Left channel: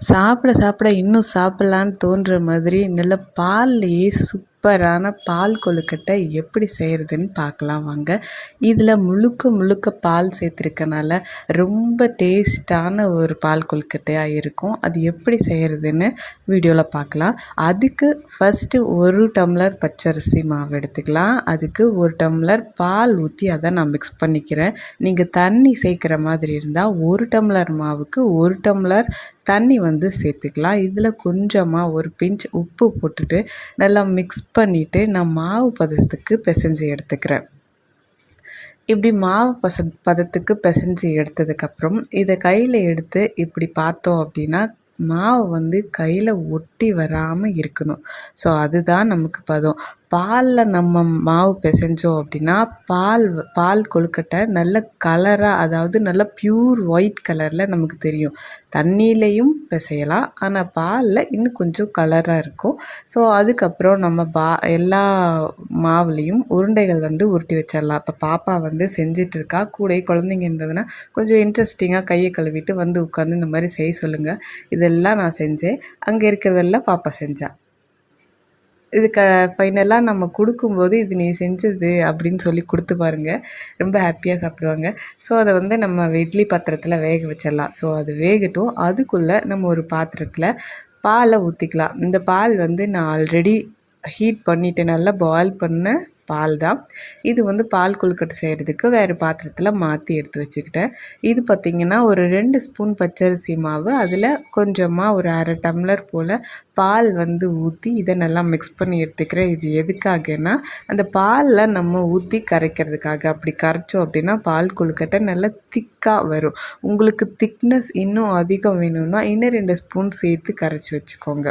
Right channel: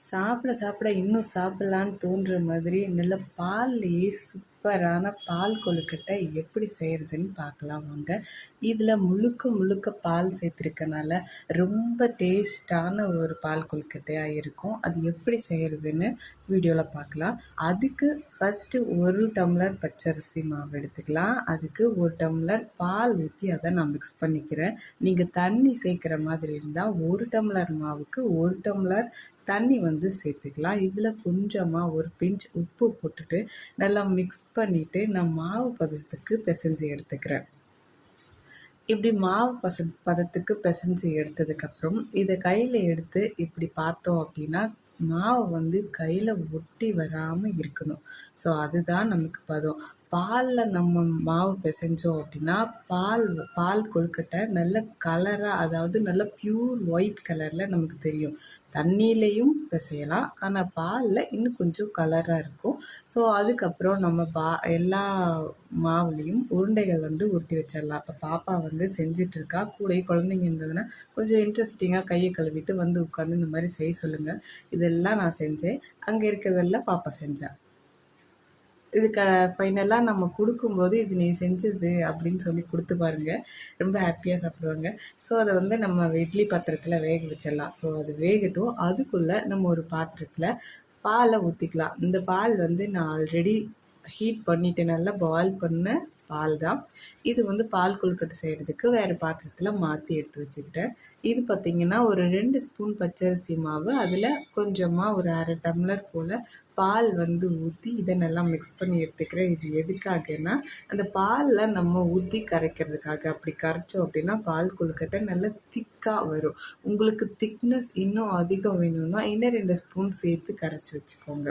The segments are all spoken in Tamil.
சாப்பிட சாப்பிட இன்னும் சாப்பிட்லான்னு தோன்ற மாதிரி நல்ல பால்லையே சூப்பரான பால் கொழுக்கட்டை எப்படி செய்கிறதுன்னு பார்க்கலாம் வாங்க. இதில் முழுக்க முழுக்க பால் சேர்த்துருக்கனால ரொம்ப டேஸ்ட்டான ஒரு பால் கொழுக்கட்டையாக இருக்கும். அது எப்படி செய்கிறதுன்னு வீடியோவில் பார்க்கலாம். அதுக்கு ஃபஸ்ட்டு ஒரு டம்ளர் பச்சரிசி மாவு எடுத்துக்கலாம். அதுக்கு ஒரு டம்ளர் பால் ஊற்றி அதை நான் மிக்ஸ் பண்ணிக்கிறேன். நீங்கள் தண்ணி சேர்க்குற மாதிரி இருந்தால் ஒரு டம்ளர் மாவுக்கு ஒரு டம்ளர் தண்ணி வந்து சேர்த்துக்கலாம். இதில் கொஞ்சமாக ஒரு பிஞ்ச் உப்பு போட்டுட்டு நல்லா மிக்ஸ் பண்ணிவிட்டு நான் மாவு பதத்துக்கு பிசைஞ்சு எடுத்துக்கிறேன். இப்படி மாவு பச பதத்துக்கு பிசைஞ்சு எடுத்ததுக்கப்புறம் இதை கையில் எடுத்து இப்படி பார்த்தோம் அப்படின்னா மாவு வந்து கையில் ஒட்டி வராமல் இருக்கணும். ஸோ அதுதான் நமக்கு பதம். பாலில் நம்ம மாவு பிசைஞ்சோம் அப்படின்னா பால் பால் கொழுக்கட்டை நல்ல கலராக அதாவது நல்ல ப்யூர் ஒயிட் கலரில் நமக்கு தெரியும். தண்ணியிலையும் பிசையலாம். ஆனால் பாலில் இன்னும் கொஞ்சம் கலராக இருக்கும். ஸோ அதுக்கப்புறம் நம்ம பா எல்லா மாவுலேயும் உருண்டைகள் வந்து உருட்டி வச்சிடலாம் இப்போ பாப்பா வந்து செஞ்சிட்ருக்கா கூட குழந்தைங்க இருந்ததுன்னா கொஞ்சம் இன்ட்ரெஸ்டிங்காக கையை கழுவிட்டு வந்து உட்காந்து இந்த மாதிரி செய்ய சொல்லுங்கள் இதெல்லாம் நான் செஞ்சேன். அங்கே இருக்கிறதெல்லாம் பாப்பா செஞ்சாள் இது க ஃபைனலாக நம்ம கொடுக்கும்போது இது நீ செஞ்சது அப்படின்னு சொல்லி கொடுத்து பாருங்கள் ரொம்ப ஹாப்பியாக சாப்பிடுவாங்க. ஸோ அதை வந்து நம்ம இட்லி பாத்திரத்தில் வேக வச்சிடலாம். ஸோ அது வேகட்டும். அதுக்குள்ளே நம்ம ஒரு பாத்திரத்தில் பாலை ஊற்றிக்கலாம் இந்த பால் வந்து நான் ஆல்ரெடி ஹீட் பண்ணிவிட்டு நல்லா பாயில் பண்ண பால் தான். இது வந்து பால் கொழுக்கட்டை செய்கிறதுக்கு வேறு பாத்திரத்தில் மாற்றி எடுத்து வச்சுக்கிட்டேன். இது பார்த்திங்கன்னா ஒரு ரெண்டு ஸ்பூன் பச்சரிசி மாவு அதில் கொஞ்சமாக ஒரு அரை டம்ளர் போல் பால் வந்து ஊற்றி இதை நல்லா மிக்ஸ் பண்ணி எடுத்துக்கிறேன். இது எதுக்காகனா அந்த பாலில் நம்ம ஊற்றி கரைக்கிறதுக்காக. அப்படி கரைச்சோம் அப்படின்னா பால் கொழுக்கட்டை நல்லா திக்காக வரும். உங்களுக்கு திக்னஸ் இன்னும் அதிகம் வேணும்னா இன்னும் ரெண்டு ஸ்பூன் சேர்த்து கரைச்சி வச்சுக்கோங்க.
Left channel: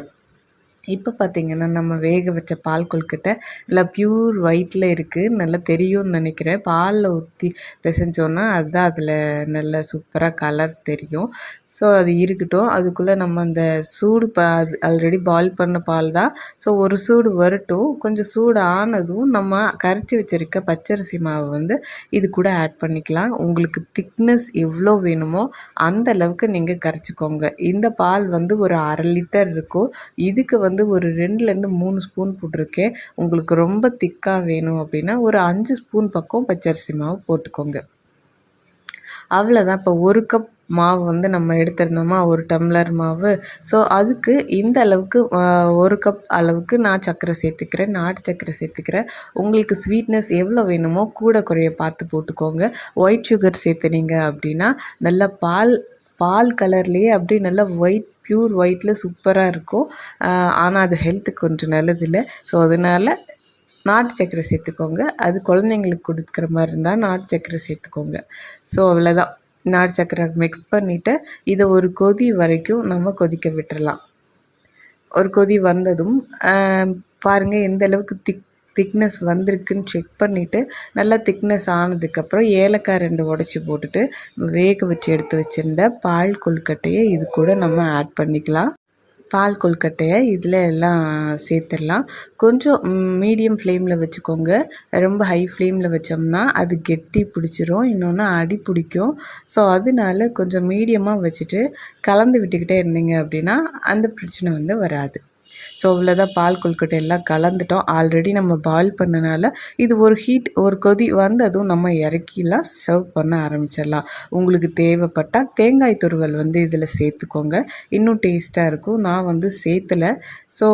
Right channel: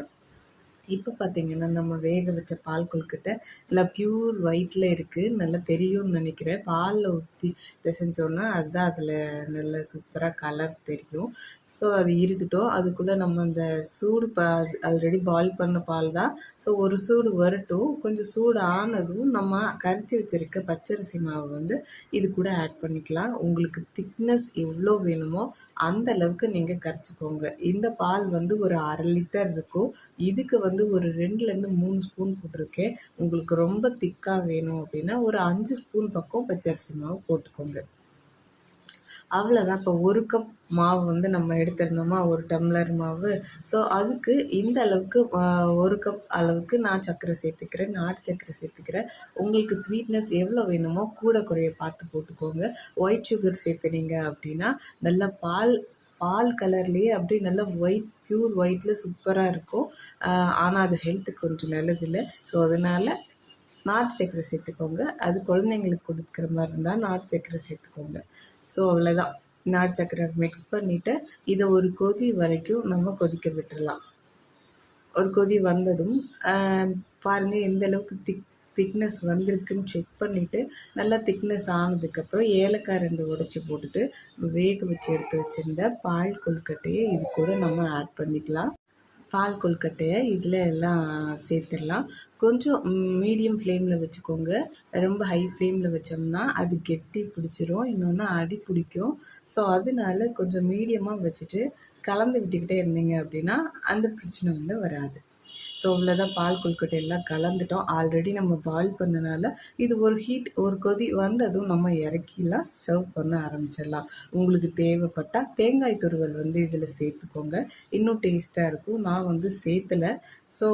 இப்போ பார்த்திங்கன்னா நம்ம வேக வச்ச பால் கொழுக்கட்டை நல்லா ப்யூர் ஒயிட்டில் இருக்குது நல்லா தெரியும்னு நினைக்கிறேன். பாலில் ஊற்றி பிசைஞ்சோன்னா அதுதான் அதில் நல்ல சூப்பராக கலர் தெரியும். ஸோ அது இருக்கட்டும். அதுக்குள்ளே நம்ம அந்த சூடு பா அது ஆல்ரெடி பாயில் பண்ண பால் தான். ஸோ ஒரு சூடு வரட்டும். கொஞ்சம் சூடு ஆனதும் நம்ம கரைச்சி வச்சுருக்க பச்சரிசி மாவை வந்து இது கூட ஆட் பண்ணிக்கலாம். உங்களுக்கு திக்னஸ் எவ்வளோ வேணுமோ அந்த அளவுக்கு நீங்கள் கரைச்சிக்கோங்க. இந்த பால் வந்து ஒரு அரை லிட்டர் இருக்கும். இதுக்கு வந்து வந்து ஒரு ரெண்டுலேருந்து மூணு ஸ்பூன் போட்டிருக்கேன். உங்களுக்கு ரொம்ப திக்காக வேணும் அப்படின்னா ஒரு அஞ்சு ஸ்பூன் பக்கம் பச்சரிசி மாவு போட்டுக்கோங்க. அவ்வளோதான் இப்போ ஒரு கப் மாவு வந்து நம்ம எடுத்திருந்தோமா? ஒரு டம்ளர் மாவு. ஸோ அதுக்கு இந்த அளவுக்கு ஒரு கப் அளவுக்கு நான் சர்க்கரை சேர்த்துக்கிறேன். நாட்டு சர்க்கரை சேர்த்துக்கிறேன். உங்களுக்கு ஸ்வீட்னஸ் எவ்வளோ வேணுமோ கூட குறைய பார்த்து போட்டுக்கோங்க. ஒயிட் சுகர் சேர்த்துனீங்க அப்படின்னா நல்லா பால் பால் கலர்லேயே அப்படியே நல்லா ஒயிட் ப்யூர் ஒயிட்டில் சூப்பராக இருக்கும். ஆனால் அது ஹெல்த்துக்கு கொஞ்சம் நல்லதில்லை. ஸோ அதனால் நாட்டு சக்கரை சேர்த்துக்கோங்க. அது குழந்தைங்களுக்கு கொடுக்குற மாதிரி இருந்தால் நாட்டு சக்கரை சேர்த்துக்கோங்க. ஸோ அவ்வளோதான் நாட்டு சக்கரை மிக்ஸ் பண்ணிவிட்டு இதை ஒரு கொதி வரைக்கும் நம்ம கொதிக்க விட்டுறலாம். ஒரு கொதி வந்ததும் பாருங்கள் எந்த அளவுக்கு திக் திக்னஸ் வந்திருக்குன்னு செக் பண்ணிவிட்டு நல்லா திக்னஸ் ஆனதுக்கப்புறம் ஏலக்காய் ரெண்டு உடச்சி போட்டுட்டு வேக வச்சு எடுத்து வச்சுருந்த பால் கொழுக்கட்டையை இது கூட நம்ம ஆட் பண்ணிக்கலாம். பால் கொழுக்கட்டையை இதில் எல்லாம் சேர்த்துடலாம். கொஞ்சம் மீடியம் ஃப்ளேமில் வச்சுக்கோங்க. ரொம்ப ஹை ஃப்ளேமில் வச்சோம்னா அது கெட்டி பிடிச்சிரும் இன்னொன்று அடி பிடிக்கும். ஸோ அதனால கொஞ்சம் மீடியமாக வச்சுட்டு கலந்து விட்டுக்கிட்டே இருந்தீங்க அப்படின்னா அந்த பிரச்சனை வந்து வராது. ஸோ இவ்வளோதான் பால் கொழுக்கட்டை எல்லாம் கலந்துட்டோம். ஆல்ரெடி நம்ம பாயில் பண்ணனால இது ஒரு ஹீட் ஒரு கொதி வந்ததும் நம்ம இறக்கிலாம் சர்வ் பண்ண ஆரம்பிச்சிடலாம். உங்களுக்கு தேவைப்பட்டால் தேங்காய் துருவல் வந்து இதில் சேர்த்துக்கோங்க. இன்னும் டேஸ்ட்டாக இருக்கும். நான் வந்து சேர்த்தலை. ஸோ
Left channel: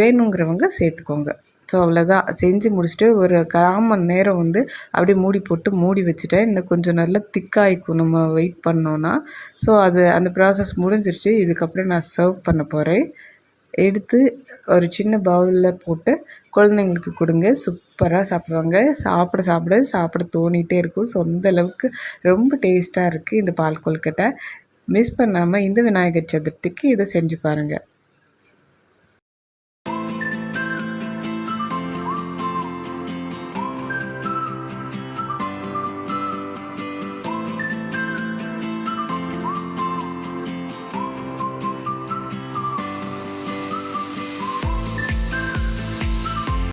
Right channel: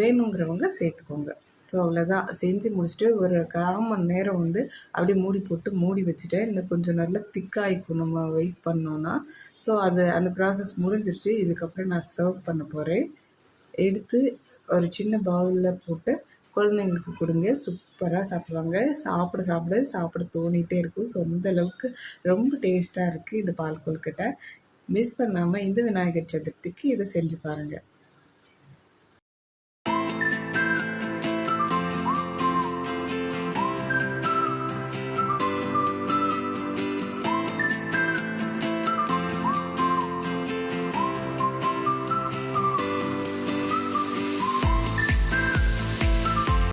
வேணுங்கிறவங்க சேர்த்துக்கோங்க. ஸோ அவ்வளோதான் செஞ்சு முடிச்சுட்டு ஒரு கால் மணி நேரம் வந்து அப்படியே மூடி போட்டு மூடி வச்சுட்டேன். இன்னும் கொஞ்சம் நல்லா திக்காயிக்கும் நம்ம வெயிட் பண்ணோன்னா ஸோ அது அந்த ப்ராசஸ் முடிஞ்சிருச்சு. இதுக்கப்புறம் நான் சர்வ் பண்ண போகிறேன் எடுத்து ஒரு சின்ன பவுலில் போட்டு குழந்தைங்களுக்கு கொடுங்க. சூப்பராக சாப்பிடுவாங்க. சாப்பிட சாப்பிட சாப்பிட தோணிகிட்டே இருக்கும். ஸோ அந்த அளவுக்கு ரொம்ப டேஸ்ட்டாக இருக்குது இந்த பால் கொழுக்கட்டை. மிஸ் பண்ணாமல் இந்த விநாயகர் சதுர்த்திக்கு இதை செஞ்சு பாருங்கள்